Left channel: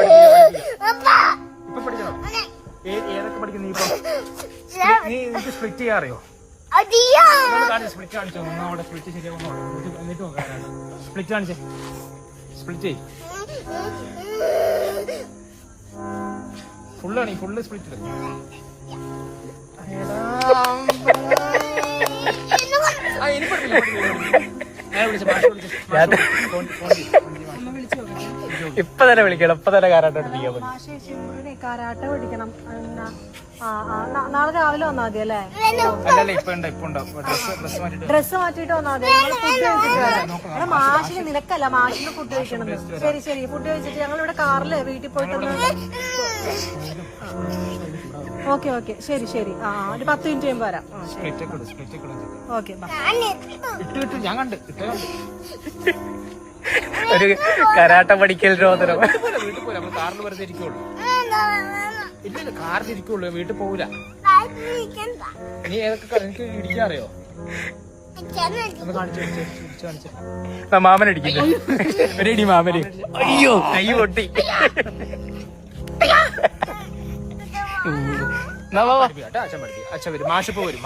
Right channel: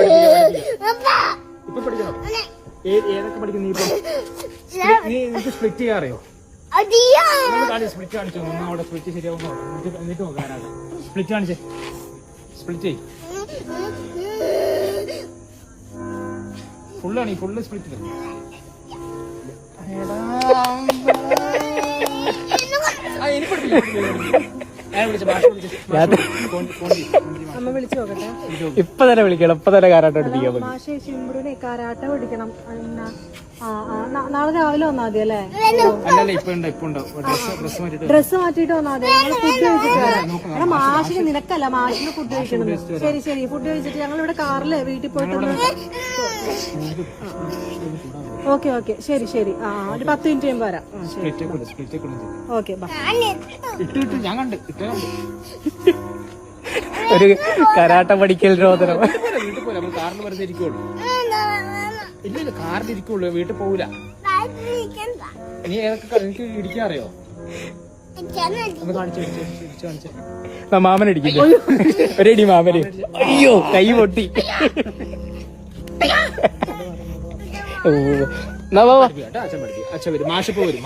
ഇപ്പൊ പഠിക്കണം. ഏതൊക്കെ പഠിക്കുന്നു നീ ഇപ്പൊ? നീ എനിക്ക് സ്പ്ലിറ്റ് ചെയ്യാറിയോ? സ്പ്ലിറ്റ് കാണിച്ചോ. ഒന്ന് അവിടെ സ്പ്ലിറ്റ് ശരിയാവുന്നോ എന്നിട്ട് നോക്കാനാണ്. സ്പ്ലിറ്റ് കാണിച്ചേ. സ്പ്ലിറ്റ് ചെയ്. ഫുള്ളാണ്. Full split. ഇനി പഠിപ്പില്ല. ഇപ്പൊ തന്നെ വിളിക്കണം. ഇപ്പൊ തന്നെ കാരാട്ട പഠിക്കണം. മാഷെ ചിമ്പുറിനെ കാരാട്ട പഠിക്കണം. നാളെ രാവിലെ വന്നാ മതി അല്ലേ? അല്ലല്ല ഇപ്പൊ ഡ്രസ് മാറ്റിട്ട് വന്നാ മതി. ഞങ്ങള് ഫുഡ് കഴിച്ചിട്ട് മാഷിന് നിനക്കല്ല, മാഷിന് ഫുഡ് കഴിക്കണം. ശരി ശരി, ഫുഡ് കഴിച്ചിട്ട് ഞങ്ങൾ ഇവിടെ കാറില് വീട്ടിൽ പോയിട്ടൊന്ന്. ഓക്കെ ഓക്കെ, ശരി ശരി. ഒരു 10 മിനിറ്റ് കഴിയുമ്പോ വരാം. ഓക്കെ ഇട്ട് ഞാൻ കണ്ട് ഒരു കരാട്ട പഠിക്കൽ വീട്ടിൽ പോരാ. നമ്മൾ കാറിൽ വെറുതെ ഇരിക്കുള്ളൂ. ഇല്ല കാറിൽ ഇരിക്കുള്ളൂ, വീട്ടിൽ പോവില്ല. നീ ഏതൊക്കെ എനിക്ക് ഇടിക്കാൻ അറിയോ? ഒന്ന് കാണിച്ചു. മാമനടിക്കില്ല. റെഡി മാമന്. അയ്യോ കൈ പൊട്ടി. അച്ഛൻ പഠിപ്പിക്കാം. അച്ഛൻ വരും. മാഷിപ്പോ വരും.